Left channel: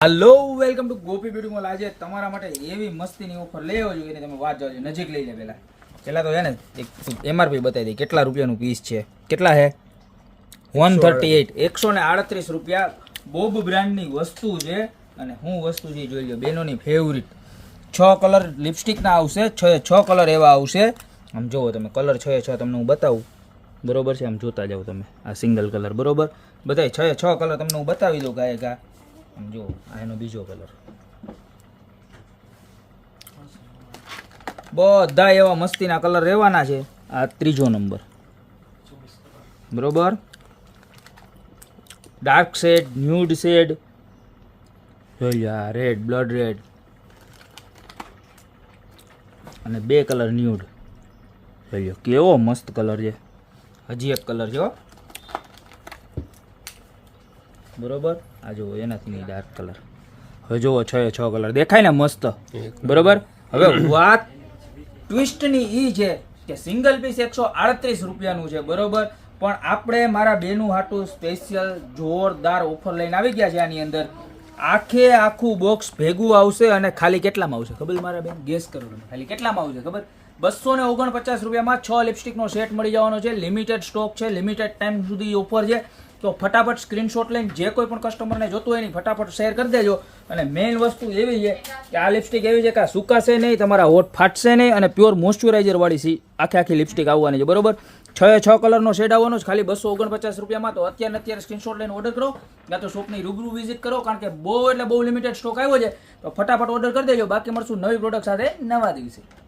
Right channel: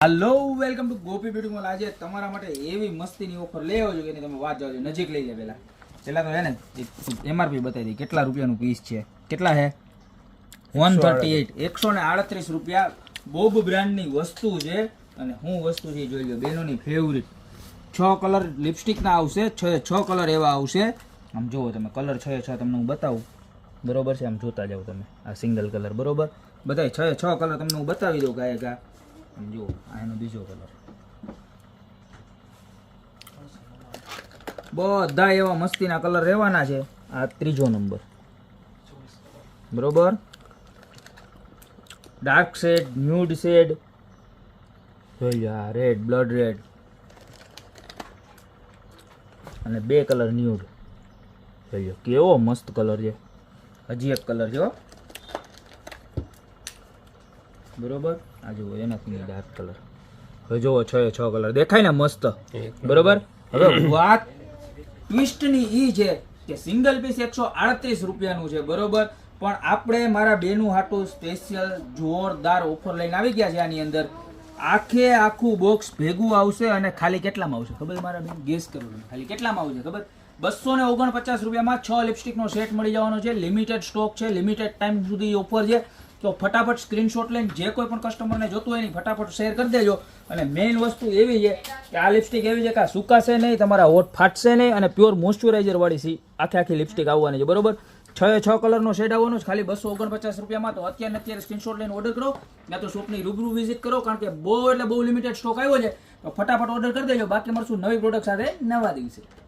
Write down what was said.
Hello welcome to Gopi beauty mall. आज તમારા માટે એવી મસ્તીની ઓફર લઈ આવ્યો છું કે તમે વાત જાવજો, નજીક લઈ લે। પહેલા તો હે ને એક એમઆરપી બતાવી દઈ કેટલા રૂપિયાનું પીસ છે। કેટલા છે? 138 138 રૂપિયા। બોબ બ્રાન્ડની વસ્તુ છે અને હું વસ્તુ છે જોઈ લો, બેનોની ફેવરિટ 6 કલર લિપસ્ટિક ના આવશે, 6 કલર એવા આવશે। આમ જોવો તમે, કલર 6 તમને હું બતાવું, બરોબર છે? આમ જોતા જાવ તમે, આ સિંગલ કલર બરોબર, બધાય 6 કલર તમને હું બતાવી દઉં ગાયકા। જો આનો બીજો કલર, બધા એવા મસ્તીના કલર રહેવાના છે। આ ત્રીજો નંબર બરોબર, ડાર્ક શેડ, ન્યૂડ શેડ, જોઈ લો આ રેડ, બ્લડ રેડ અને બે કલર ન્યૂડ। જોઈ લો કેવો મસ્ત કલર છે। હજી એક કલર છે બરોબર, આ જો એનાથી ડાર્ક કલર। હવે જુઓ 6 કલર દેખાય ને મસ્ત, બરોબર। હવે વાત ટ્વિસ્ટની ઈ છે કે સિંગલ પીસ 138 રૂપિયાનું છે બરોબર, પણ આપણે મારા બેનું હાટું સ્પેશિયલ જોરદાર ઓફર લઈને આવી ગયા છે। આની અંદર આખું બોક્સ ભેગું આવશે અને ખાલી કેટલામાં આવશે ખબર મારા બેન? ગેસ કરો ખાલી કેટલામાં આવશે ખબર? 249 રૂપિયામાં 6 લિપસ્ટિકનો સેટ મળી જવાનો છે। લિમિટેડ સ્ટોક છે, લિમિટેડ ટાઈમ સુધી ઓફર છે, તો ફટાફટ સ્ક્રીનશોટ લઈને જે કોઈ પણ કસ્ટમરને જોતું હોય ને ફટાફટ શેર કરી દેજો। અને મેઇન વસ્તુ એવી છે કે આ લિપસ્ટિક એવી છે કે આ સુકાશે નહીં, તમારા હોઠ ફાટશે નહીં અને પ્યોર મોઇશ્ચરાઇઝર વાળી આખી લિપસ્ટિક આવવાની છે બરોબર। 6 કલરનો શેડ આવવાનો છે ખાલી 249 રૂપિયામાં। તો અત્યારે સ્ક્રીનશોટ લઈને ઓર્ડર કરો, યા તો શોપની રૂબરૂ વિઝિટ કરો, કારણ કે બહુ લિમિટેડ સ્ટોક આવ્યો છે, તો ફટાફટ ઓર્ડર કરી દેજો। બાકી મળશું નવી પ્રોડક્ટ સાથે નવા દિવસે।